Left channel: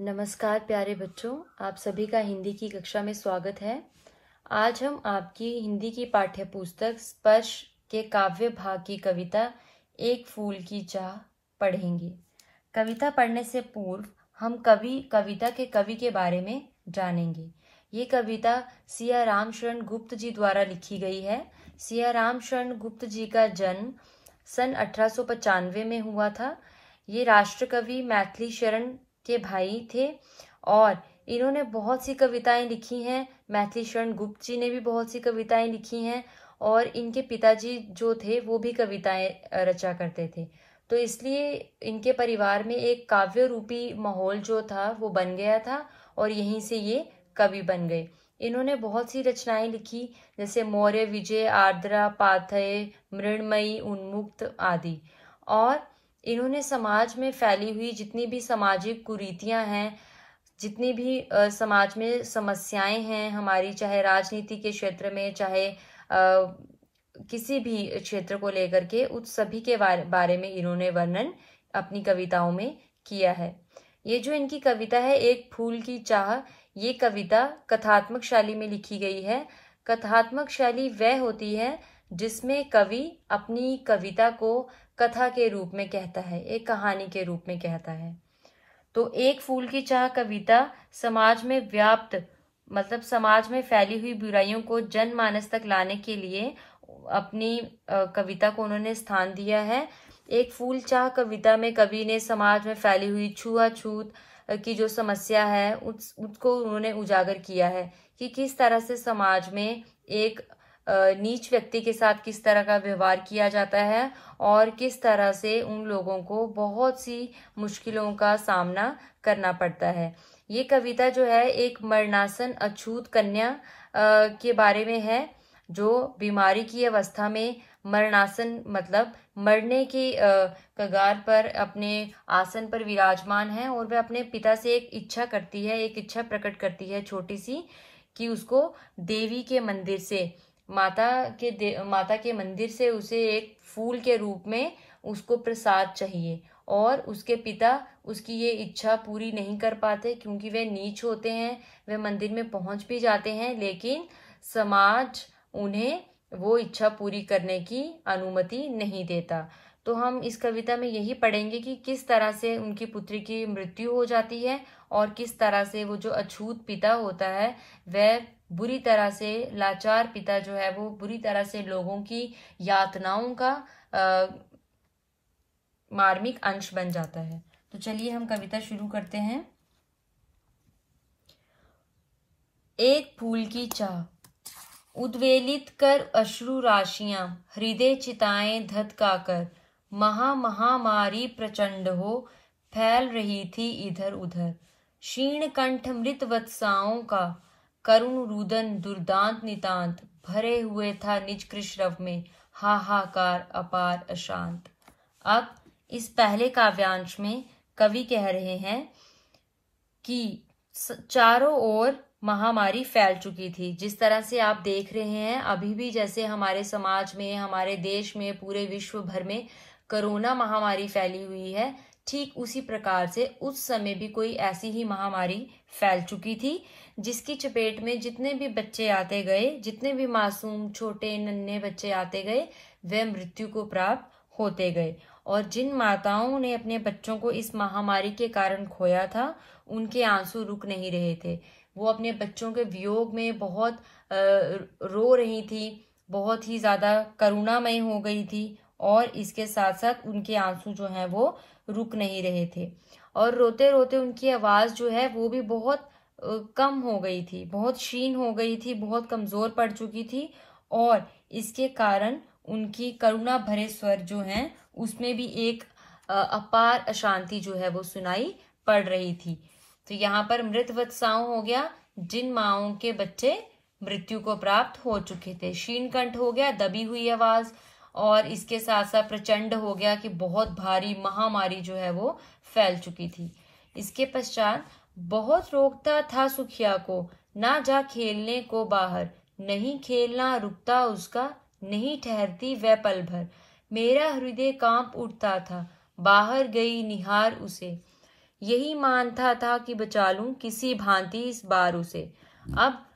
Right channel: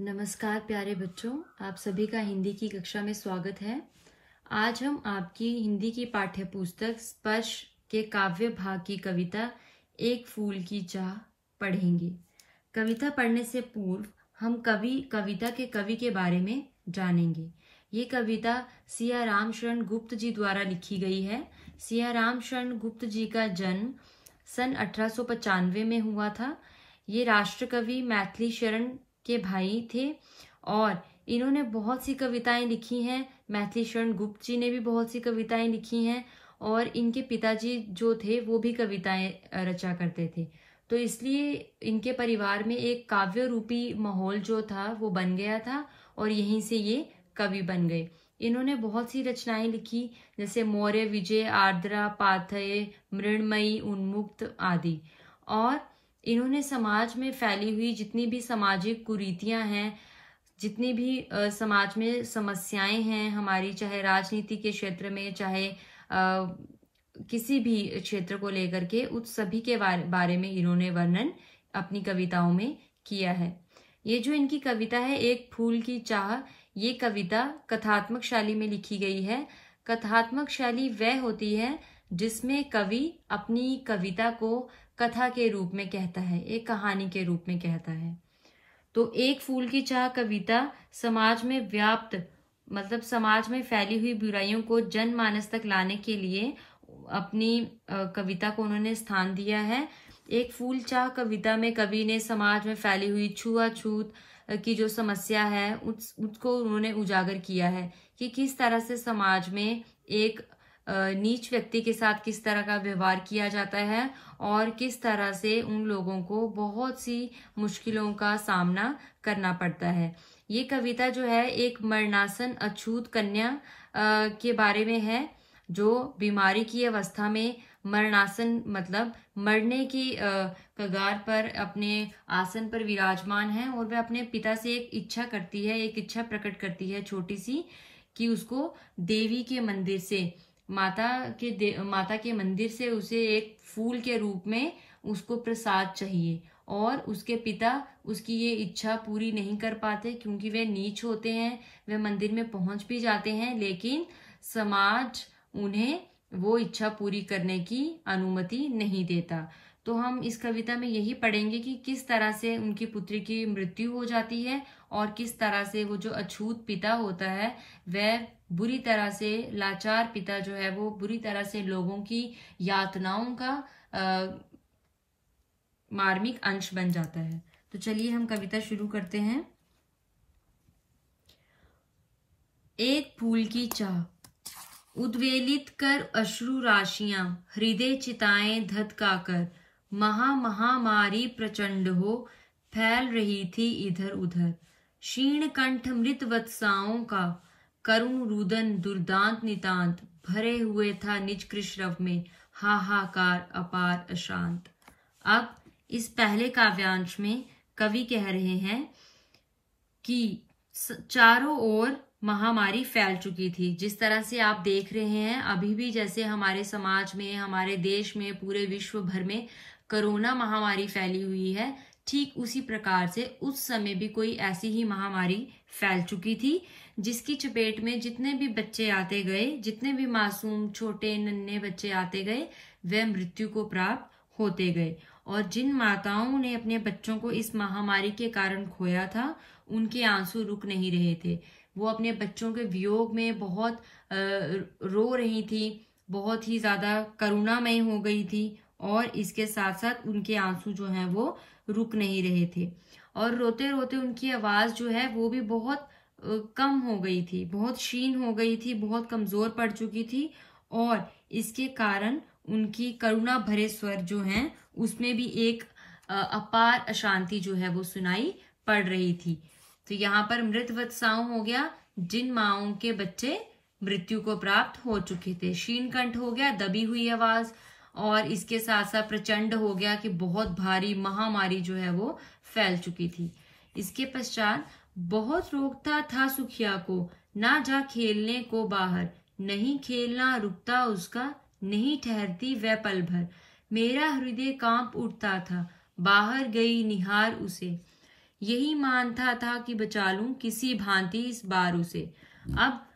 नमस्कार प्यारे बच्चों, आप सभी का हिंदी की कक्षा में स्वागत है। आज हम आपकी हिंदी की पाठ्य पुस्तक स्पर्श के काव्य भाग की कविता एक फूल की चाह पढ़ेंगे। कविता पढ़ने से पूर्व हम कविता के कवि के बारे में जानेंगे। ये कविता सिया राम शरण गुप्त जी द्वारा लिखी गई है। सिया राम शरण गुप्त जी का जन्म सन 1895 में हुआ था। ये राष्ट्रकवि मैथिली शरण के भाई थे और इन्होंने बहुत सी कविताएं लिखी हैं। मैथिली शरण गुप्त जी ने भी बहुत सी कविताएं लिखी हैं और इनके पिताजी जो थे वो भी कविताएं रचा करते थे। तो इसलिए इनके परिवार में एक काव्य रूपी माहौल जो था वो बन गया था और यहीं से ये कवि बन गए। इन्होंने बहुत सी रचनाएं लिखी, जैसे मौर्य विजय, आर्द्रा, पाथेय, मृण्मयी, उन्मुक्त आदि। और इन्होंने समाज में फैली हुई जितनी भी सामाजिक कुरीतियां हैं, जितनी भी समाज में समस्याएं हैं हमारी, चाहे राजनीति के क्षेत्र में, चाहे किसी भी क्षेत्र को लेकर के, उस सभी के बारे में इन्होंने वर्णन अपनी कविताओं में किया है। ये जो इनकी कविता है एक फूल की चाह, ये कविता कथात्मक शैली में लिखी गई है। कथात्मक शैली वह होती है जिसमें कवि अपनी कविता को कथा के रूप में कहता है, एक कहानी के रूप में कहता है। तो एक फूल की चाह कविता समाज में व्याप्त, मतलब समाज में फैली हुई बुराइयों को जनमानस तक लाने के लिए अपनी कविता को उन्होंने स्थान दिया है। एक फूल चाह कविता में कवि ने समाज में फैली हुई छुआछूत की जो समस्या है उसको उन्होंने उजागर किया है कि किस तरह से समाज में एक नीच व्यक्ति के साथ किस तरह का व्यवहार किया जाता है और किस तरह से उन लोगों को बहुत सी मुश्किलों का सामना करना पड़ता है। ये कविता जो है एक मरणासन अछूत कन्या के बारे में है, जो बीमारी की अवस्था में मरणासन मतलब मरने की कगार पर अपने आसन पर विराजमान है और वह अपने पिता से एक इच्छा करती है, एक इच्छा प्रकट करती है छोटी सी, कि उसको देवी के मंदिर से, माता के मंदिर से उसे एक फूल के रूप में उसको प्रसाद चाहिए। और उसके पिता उसकी ये इच्छा पूरी नहीं कर पाते क्योंकि वे नीच होते हैं। वे मंदिर में पहुंच भी जाते हैं लेकिन समाज उन्हें वो इच्छा पूरी करने की अनुमति नहीं देता। तो हम इस कविता में यही पढ़ेंगे कि किस तरह से उनकी पुत्री की मृत्यु हो जाती है और किस तरह से वो जो अछूत पिता होता है वह बुरी तरह से, लाचार पिता जो है वो बुरी तरह से लोगों की यातनाओं का मार्मिक अंश बन जाता है। तो चलिए हम कविता शुरू करते हैं। एक फूल की चाह। उद्वेलित कर अश्रु राशियां, हृदय चिताएं धधकाकर, महामारी प्रचंड हो फैल रही थी इधर उधर। क्षीण कंठ मृत वत्साओं का करुण रुदन दुर्दांत नितांत, भरे हुए था निज कृष्णव में हाहाकार अपार अशांत। अब इस पहले काव्यांश में कवि कह रहे हैं कि चारों ओर महामारी फैल चुकी थी। जिस तरह से आप देख रहे हैं अभी भी, जैसे हमारे समाज में, हमारे देश में, पूरे विश्व भर में कोरोना महामारी फैली हुई है, ठीक उसी प्रकार से उस समय भी कोई ऐसी ही महामारी फैल चुकी थी जिसकी चपेट में जितने भी बच्चे आते गए, जितने भी मासूम छोटे नन्हे बच्चे आते गए, वे मृत्यु को प्राप्त होते गए। और जिन माताओं ने अपने बच्चों को इस महामारी के कारण खोया था उनके आंसू रुक नहीं रहे थे। वो अपने बच्चों के वियोग में बहुत रो रही थी, बहुत ही ज्यादा करुणामयी हो गई थी और इसके साथ साथ उनके आंसू जो हैं वो रुक नहीं रहे थे। और रोते रोते उनकी आवाज जो है वो भी बहुत कम हो गई थी, बहुत क्षीण हो गई थी, बहुत कमजोर पड़ चुकी थी और इसके कारण उनकी करुणा भरे स्वर जो हैं उसमें भी एक अपार अशांति जो है वो सुनाई पड़ रही थी। तो यहाँ पर मृत वत्साओं हो गया जिन माओं के बच्चे मृत्यु को प्राप्त हो चुके थे, क्षीण कंठ हो गया दबी हुई आवाज, और इसके साथ साथ प्रचंड हो गया कि बहुत भारी महामारी जो है वो फैल चुकी थी। इसके पश्चात बहुत रोकता था सुखिया को, ना जा खेलने को बाहर, नहीं खेलना रुकता उसका, नहीं ठहरती वह पल भर, मेरा हृदय कांप उठता था बाहर गई निहार उसे। यही मानता था कि बचा लूं किसी भांति इस बार उसे। अब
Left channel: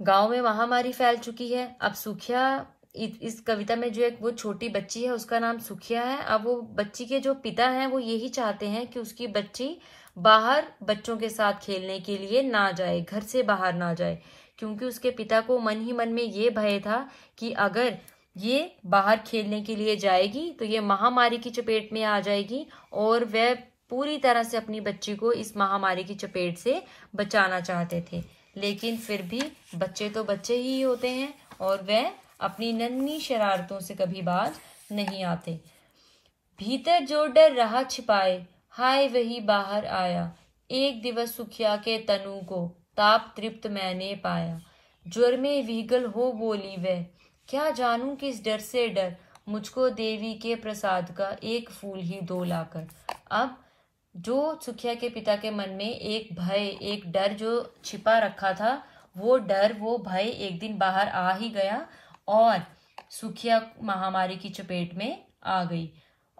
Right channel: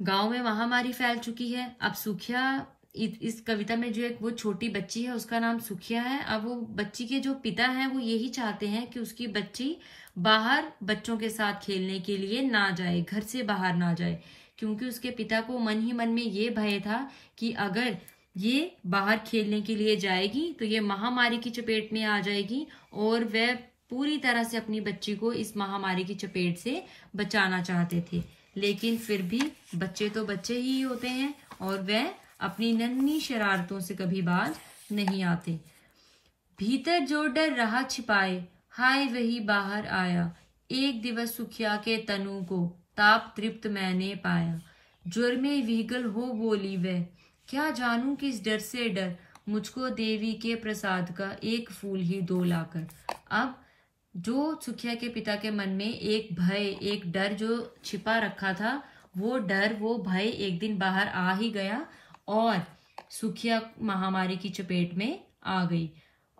गांव में महामारी फैल चुकी है। अब सुखिया, इस कविता में जो एक वो छोटी बच्ची है उसका नाम सुखिया है। अब वो बच्ची के जो पिता हैं वो यही चाहते हैं कि उसकी बच्ची बाहर बच्चों के साथ खेलने के लिए ना जाए, घर से बाहर ना जाए, क्योंकि उसके पिता को मन ही मन में ये भय था कि अगर ये बाहर खेलने के लिए जाएगी तो ये महामारी की चपेट में आ जाएगी और वह पूरी तरह से अपनी बच्ची को इस महामारी की चपेट से बचाना चाहते थे। लेकिन फिर भी बच्चे तो बच्चे ही होते हैं और वह अपनी नन्ही शरारतों से कभी बाज नहीं आते। भीतर जो डर रहा छिपाए, हाय वही बाहर आया। एक दिवस सुखिया के तनु को ताप तृप्त मैंने पाया। ज्वर में विगल हो बोली वह, क्या जानूं किस डर से डर, मुझको देवी के प्रसाद का एक फूल ही दो लाकर। अब जो सुखिया के पिता के मन में एक भय, एक डर जो छिपा रखा था, वो डर, वो भय एक दिन बाहर आ ही गया और सुखिया महामारी की चपेट में आ गई।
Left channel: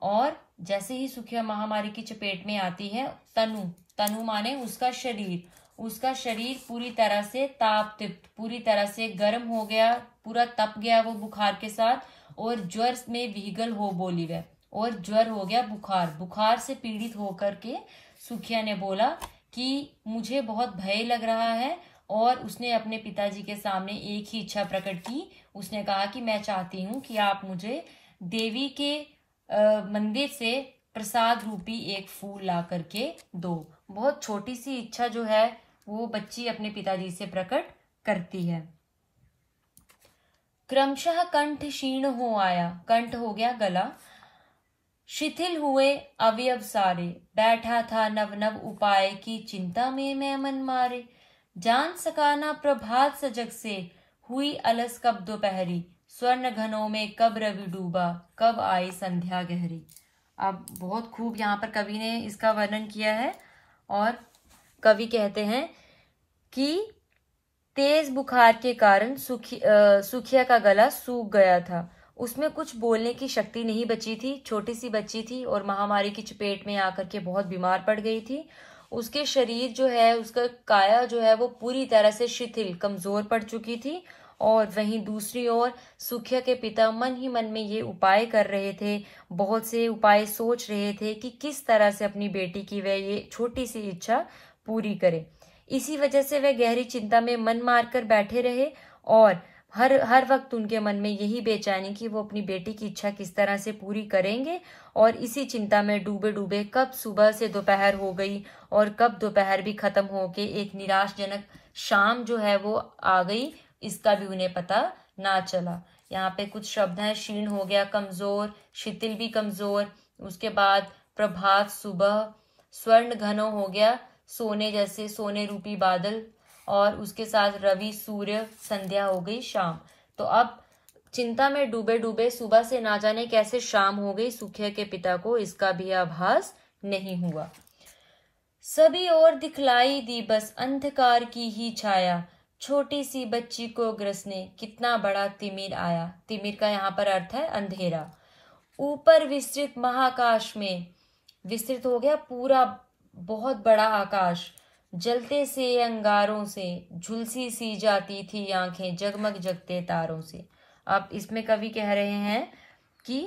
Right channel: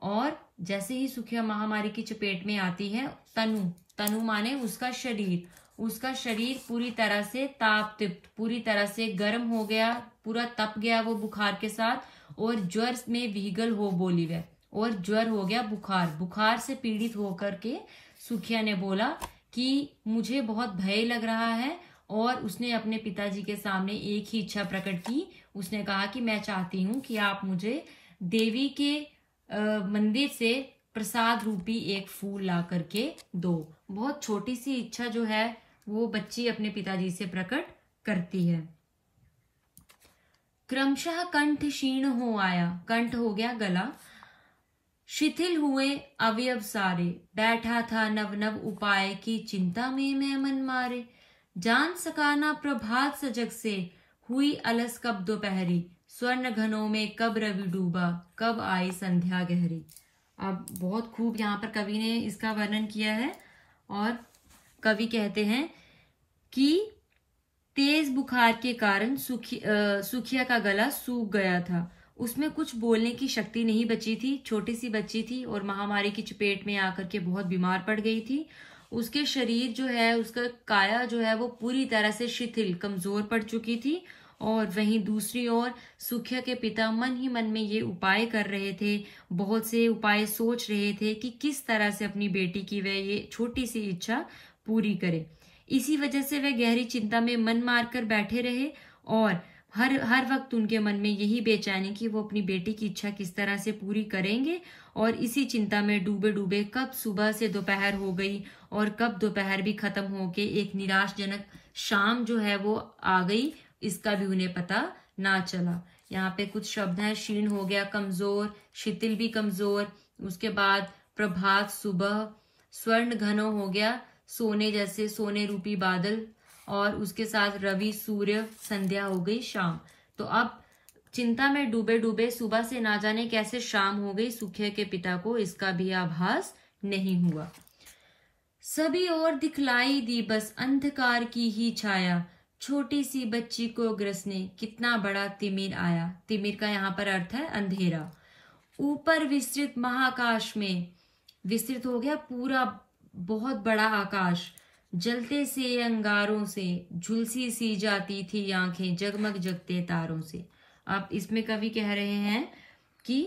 और जैसे ही सुखिया महामारी की चपेट में आती है, तनु माने उसका शरीर पूरी तरह से ताप तृप्त, पूरी तरह से गर्म हो गया, पूरा तप गया वो बुखार के साथ, और ज्वर में विगल हो बोली वह, और ज्वर हो गया, बुखार से पीड़ित होकर के सुखिया ने बोला कि मुझे बहुत भय लग रहा है। और उसने अपने पिताजी के सामने एक ही इच्छा प्रकट की। उसने कहा कि मैं चाहती हूँ कि आप मुझे देवी के मंदिर से प्रसाद रूपी एक फूल ला करके दो। बहुत छोटी सी इच्छा जो है वो बच्ची अपने पिताजी से प्रकट करती है। क्रमशः कंठ क्षीण हो आया, कंठ हो गया गला, शिथिल हुए अवयव सारे, बैठा था नव नव उपाय की चिंता में मैं मन मारे। जान सकाना प्रभात सजग से, हुई अलस कब दोपहरी, स्वर्ण घनों में कब रवि डूबा, कब आई संध्या गहरी। अब बहुत खूब यहाँ पर कवि ने इसका वर्णन किया है और कवि कहते हैं कि तेज बुखार के कारण सुखिया का गला सूख गया था। उसमें कुछ बोलने की शक्ति नहीं बची थी, छोटी सी बच्ची थी और महामारी की चपेट में आकर के बहुत बीमार पड़ गई थी। उसके शरीर जो है, उसका काया जो है वो पूरी तरह से शिथिल, कमजोर पड़ चुकी थी। और वहीं दूसरी ओर सुखिया के पिता मन ही मन में ये उपाय कर रहे थे, बहुत से उपाय सोच रहे थे कि किस तरह से अपनी बेटी की वह ये छोटी सी इच्छा पूरी करे। इसी वजह से वह गहरी चिंता में मन मारकर बैठे रहे और हर वक्त उनके मन में यही बेचैनी कि वो अपनी बेटी की इच्छा किस तरह से पूरी करेंगे। और इसी चिंता में डूबे डूबे कब सुबह से दोपहर हो गई और कब दोपहर भी खत्म होके एक निराशजनक शाम जो है वो आ गई, इसका भी उन्हें पता ना चला। यहाँ पे कुछ शब्द हैं, क्षीण हो गया, कमजोर, शिथिल भी कमजोर, उसके बाद प्रभात सुबह, स्वर्ण घनो हो गया, सोने जैसे सोने रूपी बादल, और उसके साथ रवि सूर्य, संध्या हो गई शाम। तो अब चिंता में डूबे डूबे सुबह से ना जाने कैसे शाम हो गई, सुखिया के पिता को इसका भी आभास नहीं हुआ। सभी ओर दिखलाई दी बस अंधकार की ही छाया, छोटी सी बच्ची को ग्रसने कितना बड़ा तिमिर आया। तिमिर का यहाँ पर अर्थ है अंधेरा। ऊपर विस्तृत महाकाश में, विस्तृत हो गया पूरा बहुत बड़ा आकाश, जलते से अंगारों से झुलसी सी जाती थी आंखें जगमग जगते तारों से। अब इसमें कवि कह रहे हैं कि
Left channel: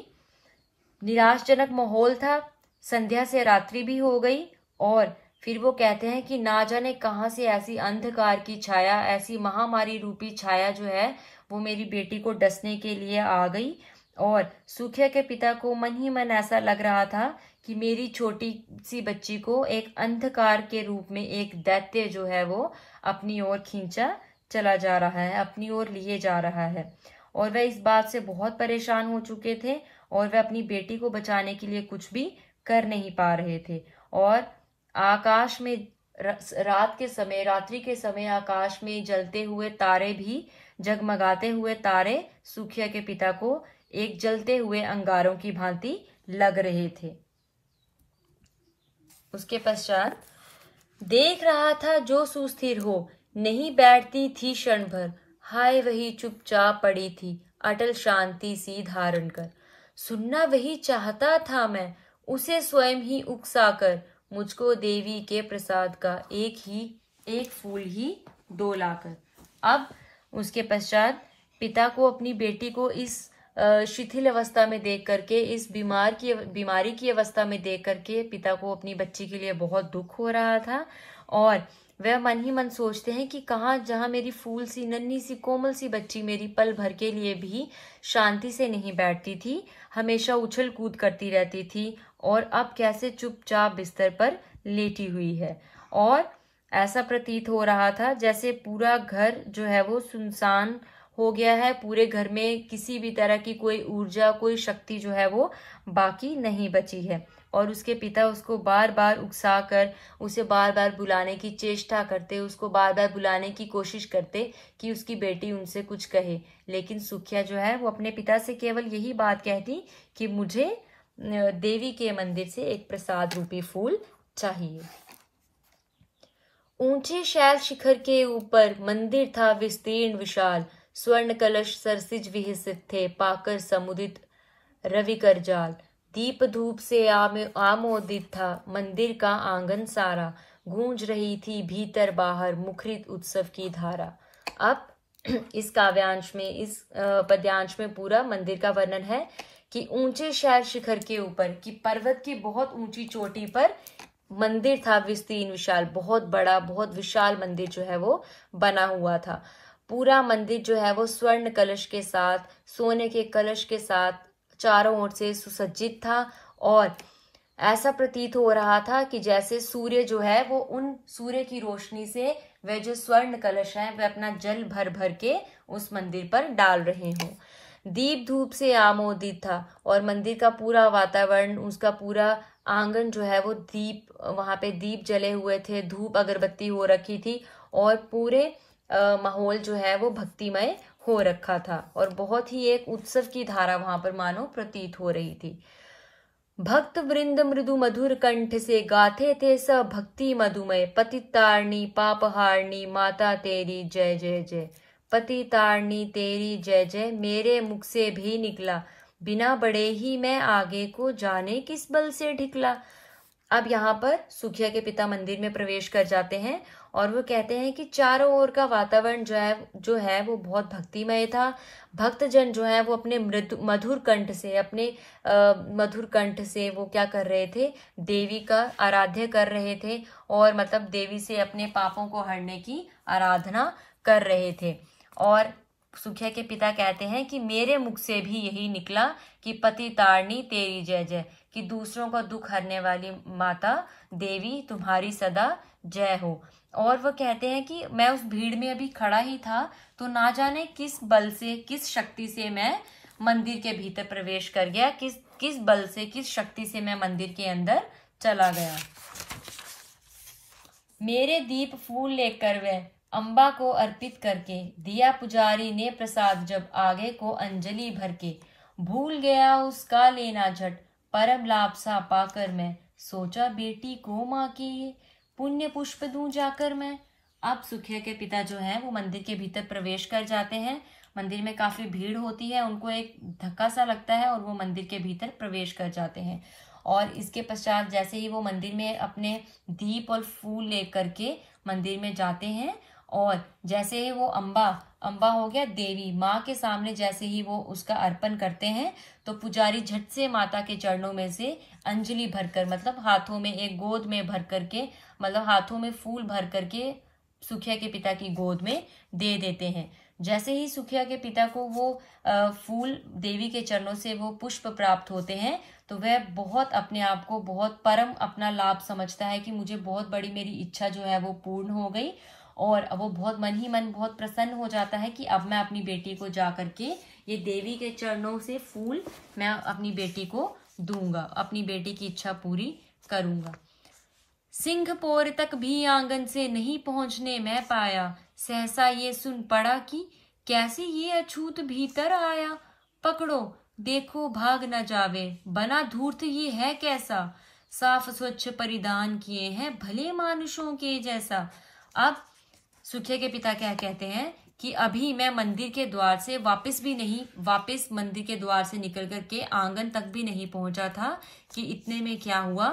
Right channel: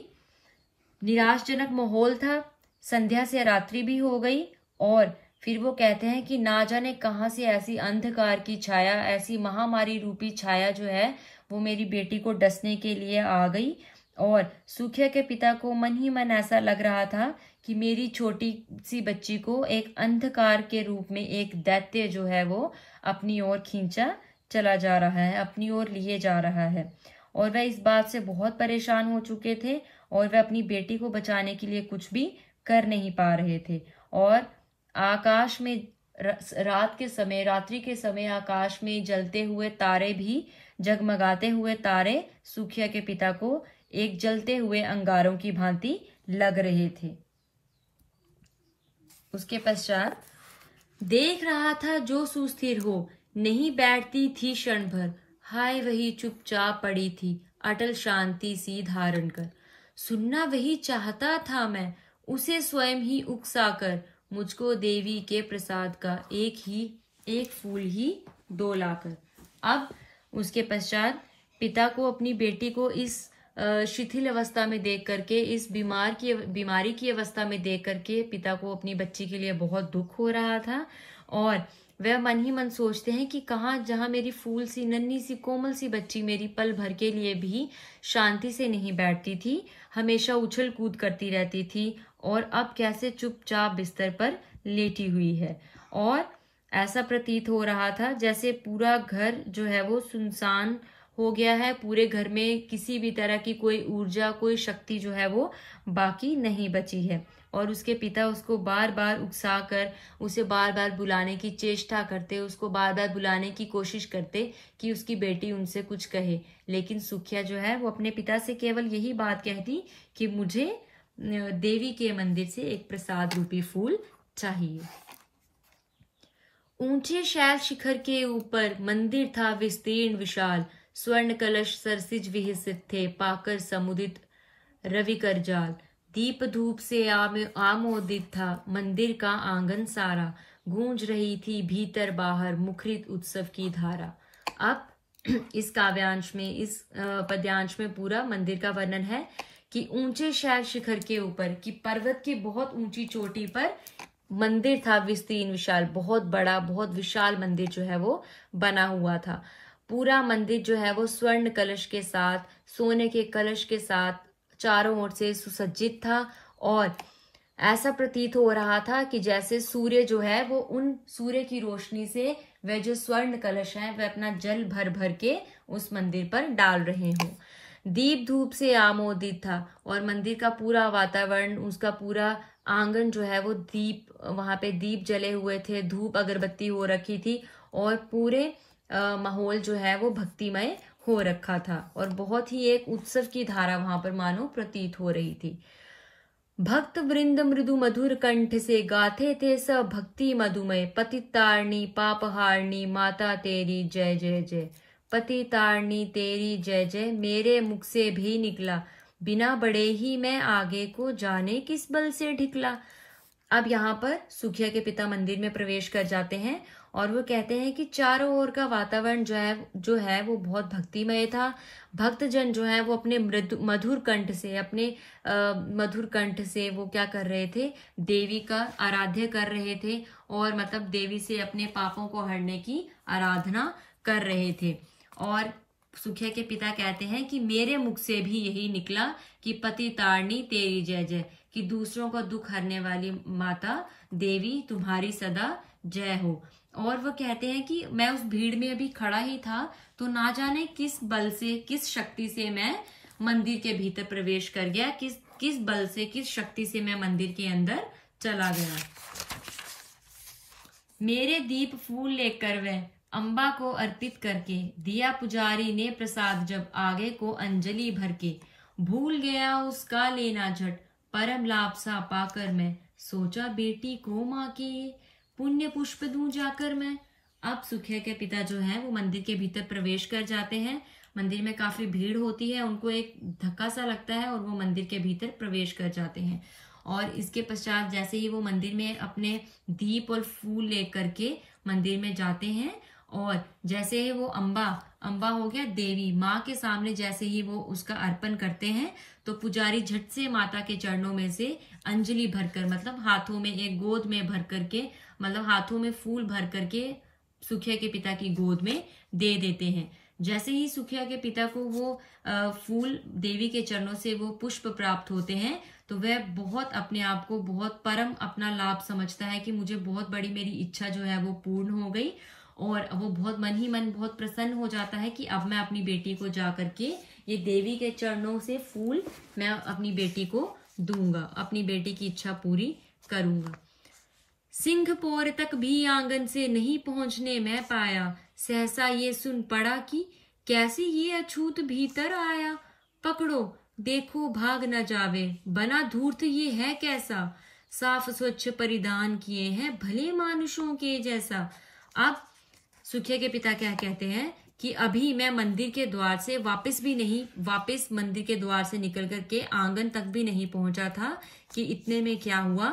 निराशजनक माहौल था, संध्या से रात्रि भी हो गई और फिर वो कहते हैं कि ना जाने कहां से ऐसी अंधकार की छाया, ऐसी महामारी रूपी छाया जो है वो मेरी बेटी को डसने के लिए आ गई। और सुखिया के पिता को मन ही मन ऐसा लग रहा था कि मेरी छोटी सी बच्ची को एक अंधकार के रूप में एक दैत्य जो है वो अपनी ओर खींचा चला जा रहा है, अपनी ओर लिए जा रहा है। और वह इस बात से बहुत परेशान हो चुके थे और वह अपनी बेटी को बचाने के लिए कुछ भी कर नहीं पा रहे थे। और आकाश में रात के समय, रात्रि के समय आकाश में जलते हुए तारे भी, जगमगाते हुए तारे सुखिया के पिता को एक जलते हुए अंगारों की भांति लग रहे थे। उसके पश्चात, देख रहा था जो सुस्थिर हो, नहीं बैठती थी क्षण भर, हाय वही चुपचाप पड़ी थी अटल शांति सी धारण कर। सुनना वही चाहता था मैं, उसे स्वयं ही उकसाकर, मुझको देवी के प्रसाद का, एक फूल ही 2 लाकर। अब उसके पश्चात पिता को अपनी बेटी को इस शिथिल अवस्था में देख करके, इस बीमारी की अवस्था में देख करके पिता को अपनी बच्ची के लिए बहुत दुख हो रहा था। और वह मन ही मन सोचते हैं कि कहाँ, जहां मेरी फूल सी नन्ही सी कोमल सी बच्ची मेरी पल भर के लिए भी शांति से नहीं बैठती थी, हमेशा उछल कूद करती रहती थी, और अब कैसे चुपचाप बिस्तर पर लेटी हुई है। और ऐसा प्रतीत हो रहा था जैसे पूरा घर जो है वो सुनसान हो गया है, पूरे घर में किसी भी तरह की कोई ऊर्जा, कोई शक्ति जो है वो बाकी नहीं बची है। और उसके पिता उसको बार बार उकसाकर, उसे बार बार बुलाने की चेष्टा करते, उसको बार बार बुलाने की कोशिश करते कि उसकी बेटी उनसे कुछ कहे, लेकिन सुखिया जो है वो अपने पिता से केवल यही बात कहती कि मुझे देवी के मंदिर से एक प्रसाद रूपी फूल चाहिए। ऊंचे शैल शिखर के ऊपर मंदिर था विस्तीर्ण विशाल, स्वर्ण कलश सरसिज विहसित थे, पाकर समुदित रवि कर जाल। दीप धूप से आमोदित था मंदिर का आंगन सारा, गूंज रही थी भीतर बाहर मुखरित उत्सव की धारा। अब इस काव्यांश में, इस पद्यांश में पूरा मंदिर का वर्णन है कि ऊंचे शैल शिखर के ऊपर, कि पर्वत की बहुत ऊंची चोटी पर मंदिर था विस्तीर्ण विशाल, बहुत बड़ा, बहुत विशाल मंदिर जो है वो बना हुआ था। पूरा मंदिर जो है वो स्वर्ण कलश के साथ, सोने के कलश के साथ चारों ओर से सुसज्जित था, और ऐसा प्रतीत हो रहा था कि जैसे सूर्य जो है वो उन सूर्य की रोशनी से वह जो स्वर्ण कलश है वह अपना जल भर भर के उस मंदिर पर डाल रहे हों। दीप धूप से आमोदित था, और मंदिर का पूरा वातावरण, उसका पूरा आंगन जो है वो वहां पे दीप जले हुए थे, धूप अगरबत्ती हो रखी थी, और पूरे माहौल जो है वो भक्तिमय हो रखा था, और बहुत ही एक उत्सव की धारा वहां पर मानो प्रतीत हो रही थी। भक्त वृंद मृदु मधुर कंठ से गाते थे सब भक्ति मधुमय, पतितारणी पापहारणी माता तेरी जय जय जय। पतितारणी तेरी जय जय मेरे मुख से भी निकला, बिना बड़े ही मैं आगे को जाने किस बल से ढिकला। अब यहाँ पर सुखिया के पिता मंदिर में प्रवेश कर जाते हैं, और वो कहते हैं कि चारों ओर का वातावरण जो है वो बहुत भक्तिमय था। भक्तजन जो है वो अपने मधुर कंठ से वो क्या कर रहे थे, देवी का आराध्य कर रहे थे, और मतलब देवी से अपने पापों को हरने की आराधना कर रहे थे। और सुखिया के पिता कहते हैं कि मेरे मुख से भी यही निकला कि पति तारणी तेरी जय जय, कि दूसरों का दुख हरने वाली माता देवी तुम्हारी सदा जय हो। और वो कहते हैं कि मैं उस भीड़ में अभी खड़ा ही था, तो ना जाने किस बल से, किस शक्ति से मैं मंदिर के भीतर प्रवेश कर गया, किस बल से, किस शक्ति से मैं मंदिर के अंदर चला गया। मेरे दीप फूल लेकर वह अम्बा को अर्पित करके, दिया पुजारी ने प्रसाद जब आगे को अंजलि भर के, भूल गया उसका लेना झट, परम लाभ सा पाकर मैं, सोचा बेटी को माँ के ये पुण्य पुष्प दूं जाकर मैं। अब सुखिया के पिता जो हैं वो मंदिर के भीतर प्रवेश कर जाते हैं। मंदिर में काफी भीड़ होती है, उनको एक धक्का सा लगता है और वो मंदिर के भीतर प्रवेश कर जाते हैं। और इसके पश्चात जैसे ही वो मंदिर में अपने दीप और फूल लेकर के मंदिर में जाते हैं, और जैसे ही वो अम्बा हो गया देवी माँ के सामने जैसे ही वो उसका अर्पण करते हैं, तो पुजारी झट से माता के चरणों में से अंजलि भरकर, मतलब हाथों में एक गोद में भर करके, मतलब हाथों में फूल भर करके सुखिया के पिता की गोद में दे देते हैं। जैसे ही सुखिया के पिता को वो फूल देवी के चरणों से वो पुष्प प्राप्त होते हैं, तो वह बहुत अपने आप को बहुत परम अपना लाभ समझता है कि मुझे बहुत बड़ी मेरी इच्छा जो है वो पूर्ण हो गई, और वो बहुत मन ही मन बहुत प्रसन्न हो जाता है कि अब मैं अपनी बेटी को जा करके ये देवी के चरणों से फूल मैं अपनी बेटी को दूंगा, अपनी बेटी की इच्छा पूरी करूंगा। सिंहपोर तक भी आंगन से नहीं पहुंचने मैं पाया, सहसा ये सुन पड़ा कि कैसे ये अछूत भीतर आया। पकड़ो देखो भाग न जावे, बना धूर्त ये है कैसा, साफ स्वच्छ परिधान किए हैं भले मानुषों के जैसा। अब सुखिया के पिता क्या कहते हैं कि अभी मैं मंदिर के द्वार से वापस मंदिर के द्वार से निकल करके आंगन तक भी नहीं पहुंचा था कि इतने में क्या हुआ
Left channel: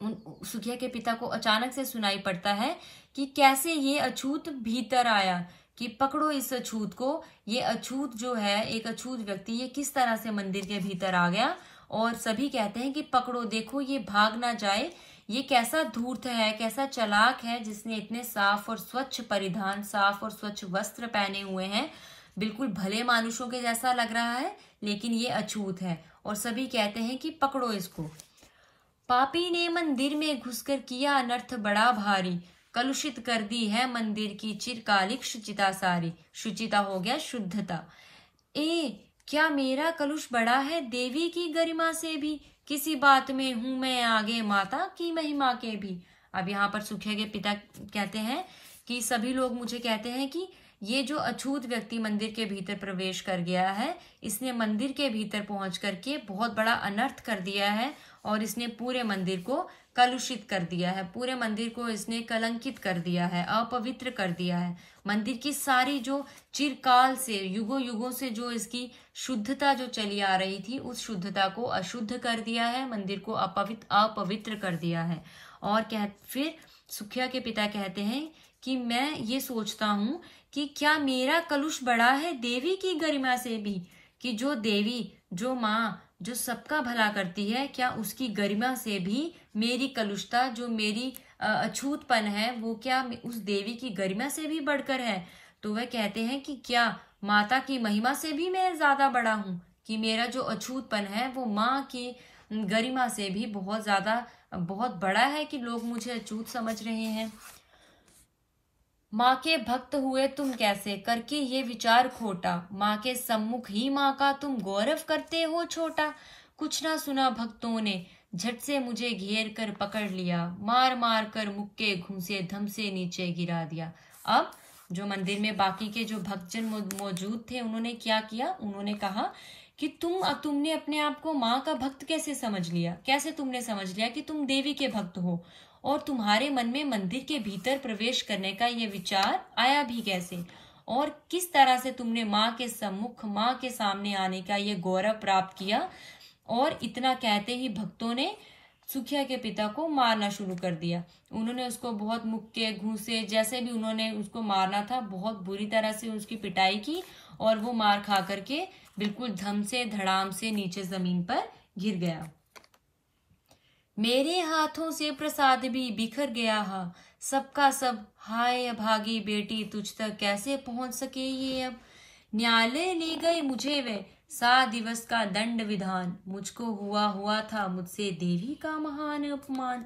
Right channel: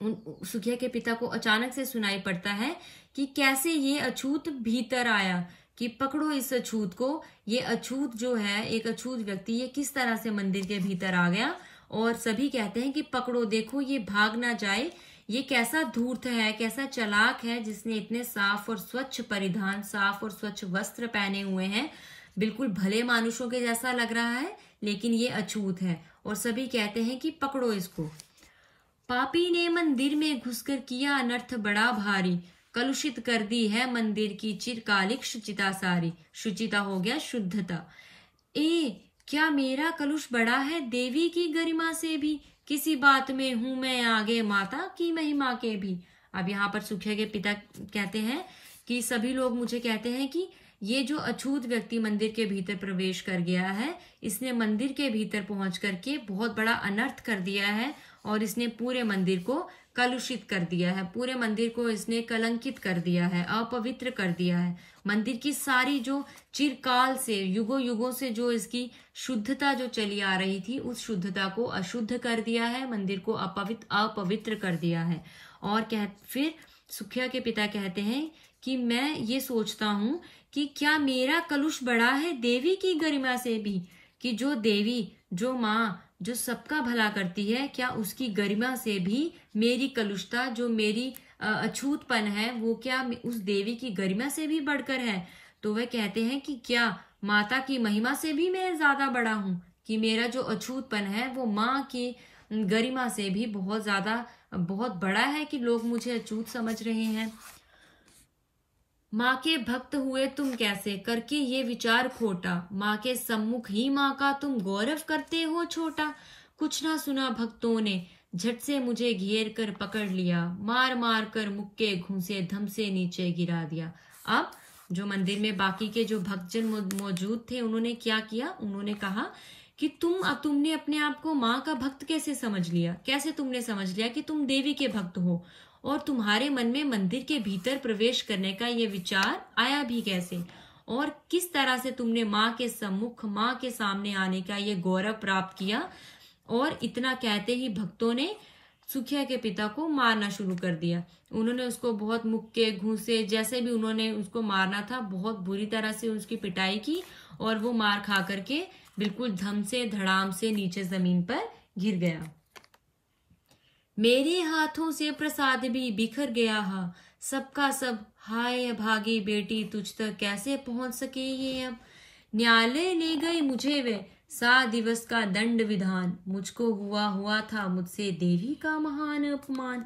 सुखिया के पिता को अचानक से सुनाई पड़ता है कि कैसे ये अछूत भीतर आया, कि पकड़ो इस अछूत को। ये अछूत जो है, एक अछूत व्यक्ति, ये किस तरह से मंदिर के भीतर आ गया। और सभी कहते हैं कि पकड़ो, देखो ये भाग ना जाए, ये कैसा धूर्त है, कैसा चालाक है, जिसने इतने साफ और स्वच्छ परिधान, साफ और स्वच्छ वस्त्र पहने हुए हैं, बिल्कुल भले मानुषों के जैसा लग रहा है, लेकिन ये अछूत है। और सभी कहते हैं कि पकड़ो इसको। पापी ने मंदिर में घुसकर किया अनर्थ बड़ा भारी, कलुषित कर दी है मंदिर की चिरकालिक शुचिता सारी। शुचिता हो गया शुद्धता। क्या मेरा कलुष बड़ा है देवी की गरिमा से भी, किसी बात में हूं मैं आगे माता की महिमा के भी। अब यहाँ पर सुखिया के पिता कहते हैं कि सभी लोग मुझे कहते हैं कि ये जो अछूत व्यक्ति मंदिर के भीतर प्रवेश कर गया है, इसने मंदिर के भीतर पहुंच करके बहुत बड़ा अनर्थ कर दिया है, और इसने पूरे मंदिर को कलुषित कर दिया है, पूरे मंदिर को इसने कलंकित कर दिया है, अपवित्र कर दिया है। मंदिर की सारी जो चिरकाल से, युगों युगों से जो इसकी शुद्धता जो चली आ रही थी, उस शुद्धता को अशुद्ध कर दिया है, मंदिर को अपवित्र कर दिया है। और फिर सुखिया के पिता कहते हैं कि मैं ये सोचता हूँ कि क्या मेरा कलुष बड़ा है देवी की गरिमा से भी, कि जो देवी, जो माँ, जो सबका भला करती है, क्या उसकी गरिमा से भी मेरी कलुषता, जो मेरी अछूतपन है, वो क्या उस देवी की गरिमा से भी बढ़कर है। तो वह कहते हैं कि क्या माता की महिमा से भी मैं ज्यादा बड़ा हूँ, कि मेरा जो अछूतपन है वो माँ की गरिमा से भी बहुत ज्यादा, बहुत बड़ा है, कि लोग मुझे अछूत समझ रहे हैं। माँ के भक्त हुए तुम कैसे, करके ये विचार खोटा, माँ के सम्मुख ही माँ का तुम गौरव करते हो छोटा। कुछ ना सुना भक्तों ने, झट से मुझे घेर कर पकड़ लिया, मार मार कर मुक्के घूंसे धम से नीचे गिरा दिया। अब जो मंदिर में बाकी के जो भक्तजन मौजूद थे, उन्होंने क्या किया, उन्होंने कहा कि तुमने अपने आप को माँ का भक्त कैसे समझ लिया, कैसे तुमने समझ लिया कि तुम देवी के भक्त हो, और तुम्हारे मन में मंदिर के भीतर प्रवेश करने का ये विचार आया भी कैसे, और किस तरह से तुमने माँ के सम्मुख, माँ के सामने आने का ये गौरव प्राप्त किया। और इतना कहते ही भक्तों ने सुखिया के पिता को मारना शुरू कर दिया। उन्होंने उसको बहुत मुक्के घूंसे, जैसे भी उन्होंने उसको मारना था, बहुत बुरी तरह से उसकी पिटाई की, और वो मार खा करके बिल्कुल धम से धड़ाम से नीचे जमीन पर गिर गया। मेरे हाथों से प्रसाद भी बिखर गया हा, सबका सब हाय भागी बेटी, तुझ तक कैसे पहुंच सके ये अब। न्यायालय ले गए मुझे वे 7 दिवस का दंड विधान, मुझको हुआ था मुझसे देवी का महान अपमान।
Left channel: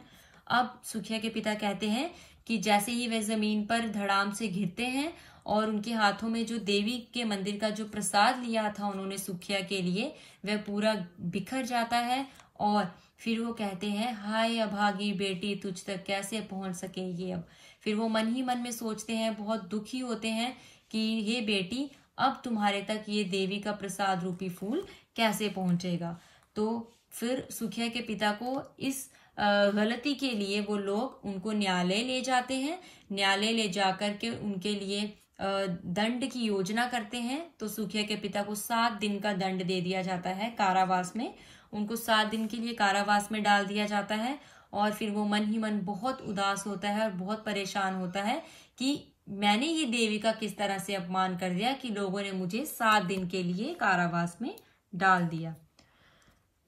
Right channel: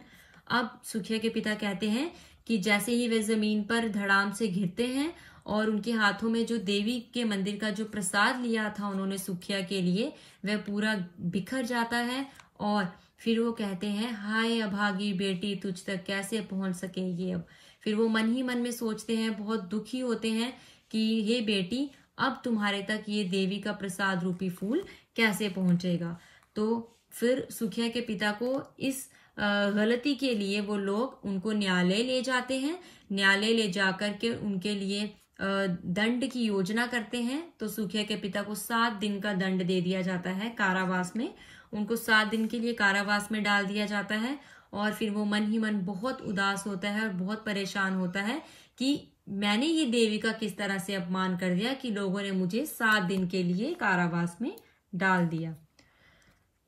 अब सुखिया के पिता कहते हैं कि जैसे ही वे जमीन पर धड़ाम से गिरते हैं, और उनके हाथों में जो देवी के मंदिर का जो प्रसाद लिया था उन्होंने सुखिया के लिए, वह पूरा बिखर जाता है। और फिर वो कहते हैं हाय अभागी बेटी, तुझ तक कैसे पहुंच सकेगी अब। फिर वो मन ही मन में सोचते हैं, बहुत दुखी होते हैं कि हे बेटी, अब तुम्हारे तक ये देवी का प्रसाद रूपी फूल कैसे पहुंचेगा। तो फिर सुखिया के पिता को इस गलती के लिए वो लोग उनको न्यायालय ले जाते हैं। न्यायालय ले जाकर के उनके लिए दंड की योजना करते हैं। तो सुखिया के पिता को 7 दिन का दंड दे दिया जाता है कारावास में। उनको 7 दिन के लिए कारावास में डाल दिया जाता है। और फिर वो मन ही मन बहुत उदास होता है और बहुत परेशान होता है कि मैंने ये देवी का किस तरह से अपमान कर दिया कि लोगों ने मुझे 7 दिन के लिए कारावास में डाल दिया।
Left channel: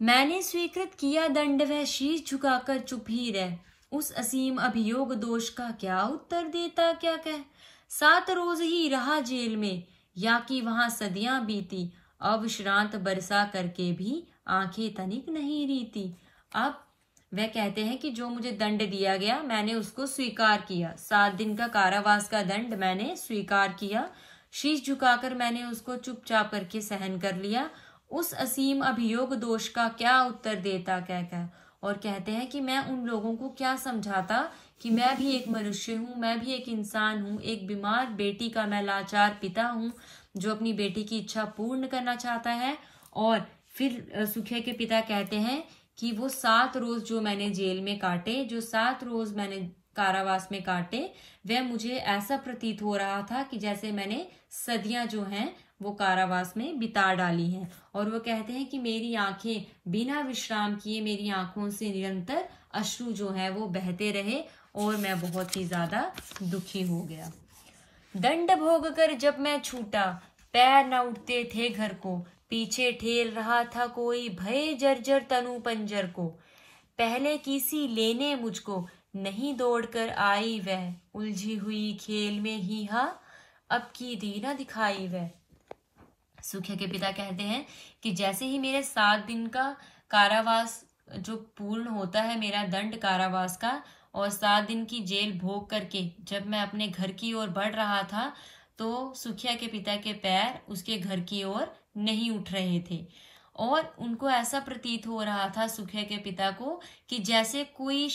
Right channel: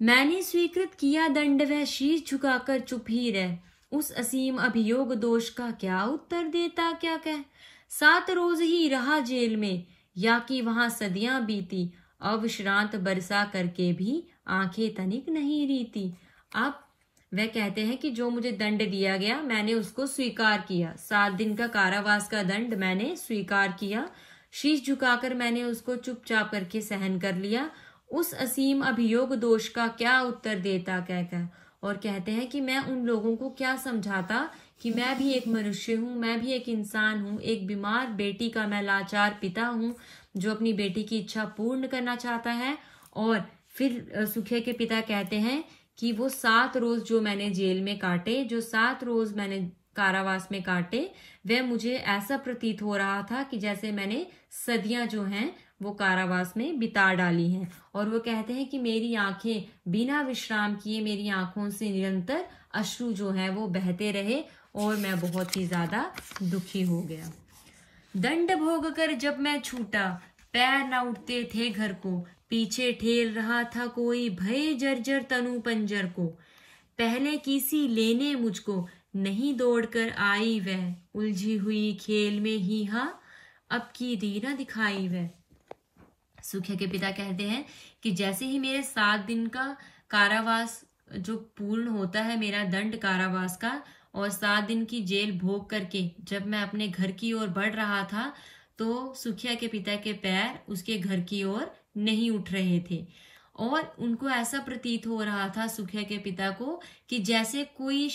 मैंने स्वीकृत किया दंड, वह शीश झुकाकर चुप ही रह, उस असीम अभियोग दोष का क्या उत्तर देता क्या कह। 7 रोज ही रहा जेल में, या कि वहां सदियां बीती, अविश्रांत बरसा करके भी आंखें तनिक नहीं रीती। अब वह कहते हैं कि जो मुझे दंड दिया गया मैंने उसको स्वीकार किया, 7 दिन का कारावास का दंड मैंने स्वीकार किया, शीश झुकाकर मैंने उसको चुपचाप करके सहन कर लिया। उस असीम अभियोग दोष का क्या उत्तर देता कहकर। और कहते हैं कि मैं उन लोगों को क्या समझाता कि मैं भी एक मनुष्य हूँ, मैं भी एक इंसान हूँ, एक बीमार बेटी का मैं लाचार पिता हूँ जो अपनी बेटी की इच्छा पूर्ण करना चाहता है। और फिर सुखिया के पिता कहते हैं कि वो 7 रोज जो मैंने जेल में काटे, जो 7 रोज मैंने कारावास में काटे, वह मुझे ऐसा प्रतीत हो रहा था कि जैसे मैंने सदियां जो हैं वो कारावास में बिता डाली हैं। और वो कहते हैं कि मेरी आंखें बिना विश्राम किए, मेरी आंखों से निरंतर अश्रु जो है वो बहते रहे और मैं बहुत ही ज्यादा दुखी हो गया। दंड भोग कर जब मैं छूटा, पैर न उठते थे घर को, पीछे ठेल रहा था कोई, भय जर्जर तनु पंजर को। पहले किसी लेने मुझको, नहीं दौड़कर आई वह, उलझी हुई खेल में ही हाँ, अब की दी न दिखाई वह। सुखिया के पिता कहते हैं कि जैसे ही मेरे 7 दिन का कारावास जो पूर्ण होता है, मेरा दंड कारावास का, और 7 दिन की जेल भोग करके जब मैं अपने घर की ओर बढ़ रहा था, तो सुखिया के पिता के पैर उसके घर की ओर नहीं उठ रहे थे और उनको ऐसा प्रतीत हो रहा था सुखिया के पिता को कि जैसे कोई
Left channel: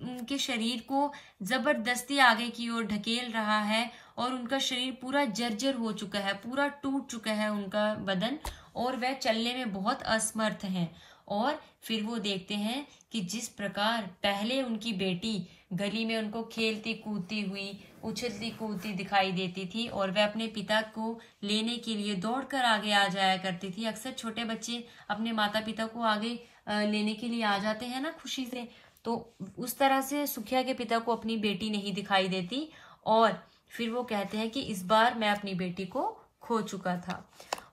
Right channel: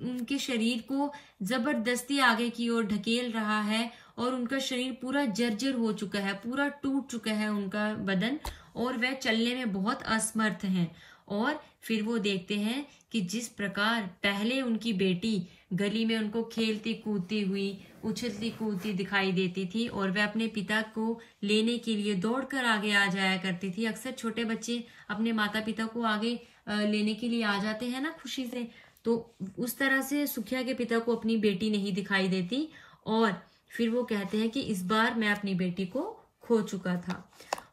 उनके शरीर को जबरदस्ती आगे की ओर ढकेल रहा है और उनका शरीर पूरा जर्जर हो चुका है, पूरा टूट चुका है उनका बदन और वह चलने में बहुत असमर्थ हैं। और फिर वो देखते हैं कि जिस प्रकार पहले उनकी बेटी गली में उनको खेलती कूदती हुई, उछलती कूदती दिखाई देती थी और वह अपने पिता को लेने के लिए दौड़कर आगे आ जाया करती थी। अक्सर छोटे बच्चे अपने माता पिता को आगे लेने के लिए आ जाते हैं ना खुशी से, तो उस तरह से सुखिया के पिता को अपनी बेटी नहीं दिखाई देती और फिर वो कहते हैं कि इस बार मैं अपनी बेटी को खो चुका था।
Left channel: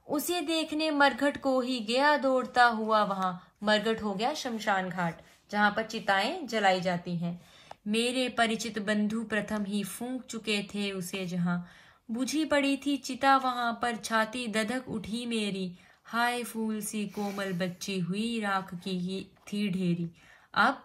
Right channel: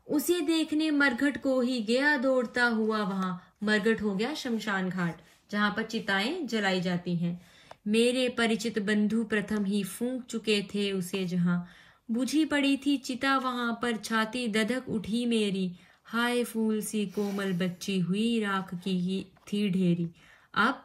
उसे देखने मरघट को ही गया दौड़ता हुआ वहां। मरघट हो गया शमशान घाट जहां पर चिताएं जलाई जाती हैं। मेरे परिचित बंधु प्रथम ही फूंक चुके थे उसे जहां, बुझी पड़ी थी चिता वहां पर, छाती दधक उठी मेरी, हाय फूल सी कोमल बच्ची हुई, राख की ही थी ढेरी। अब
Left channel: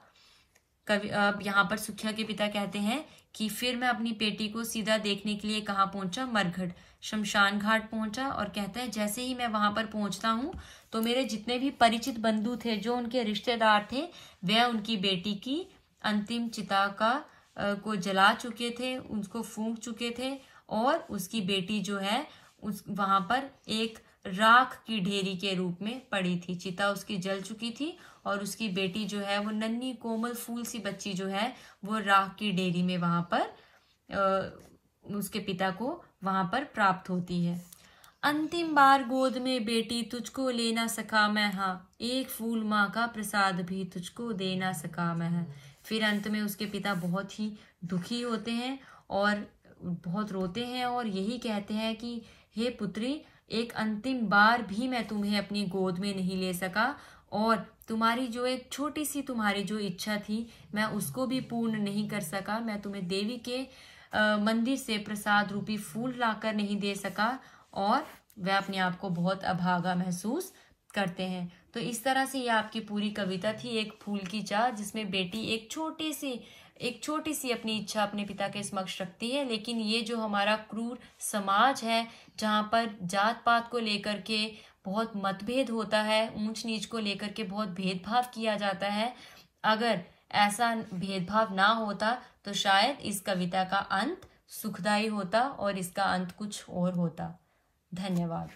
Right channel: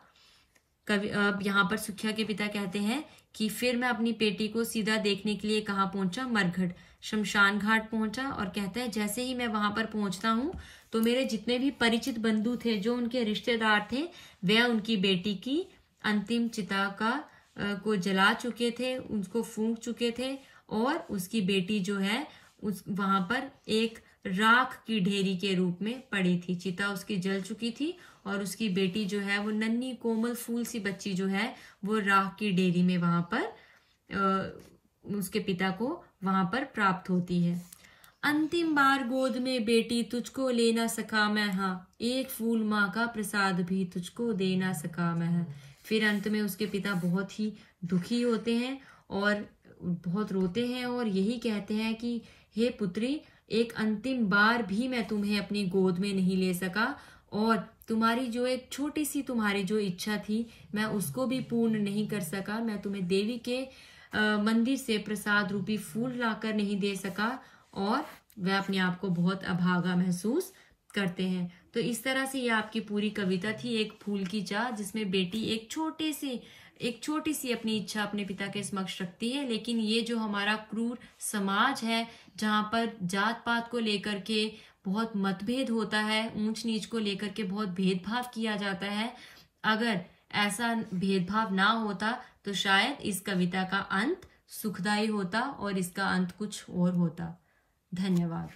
यहाँ पर सुखिया के पिता कहते हैं कि फिर मैं अपनी बेटी को सीधा देखने के लिए कहाँ पहुंचा, मरघट शमशान घाट पहुंचा और कहता है जैसे ही मैं वहां पर पहुंचता हूँ तो मेरे जितने भी परिचित बंधु थे, जो उनके रिश्तेदार थे, वे उनकी बेटी की अंतिम चिता को जला चुके थे, उसको फूंक चुके थे और उसकी बेटी जो है उस वहां पर एक राख की ढेरी के रूप में पड़ी थी। चिता उसकी जल चुकी थी और उसकी बेटी जो है वो नन्ही कोमल फूल सी बच्ची जो है वो राख की ढेरी में वहां पर उसके पिता को वहां पर प्राप्त होती है। अंतिम बार गोद में बेटी तुझको ले ना सका मैं, हाँ एक फूल माँ का प्रसाद भी तुझको दे ना सका मैं। फिर अंत में उसके पिता बहुत ही दुखी होते हैं और बहुत रोते हैं और यही कहते हैं कि हे पुत्री, एक अंतिम बार भी मैं तुम्हें अपनी गोद में नहीं ले सका और तुम्हारी जो एक छोटी सी तुम्हारी जो इच्छा थी मैं उसको भी पूर्ण नहीं कर सका। मैं तुम्हें देवी के मंदिर से प्रसाद रूपी फूल लाकर नहीं दे सका और वह अपने आप को बहुत अभागा महसूस करते हैं। तो इस तरह से यह आपकी पूरी कविता थी, एक फूल की चाह, जिसमें बेटी एक छोटी सी अपनी इच्छा अपने पिता के समक्ष रखती है। लेकिन ये जो हमारा क्रूर समाज है जहाँ पर जात पात को लेकर के बहुत मतभेद होता है, ऊंच नीच को लेकर के बहुत भेदभाव किया जाता है, अगर ऐसा भेदभाव ना होता तो शायद इस कविता का अंत सुखदायी होता और इसका अंत कुछ और होता। धन्यवाद।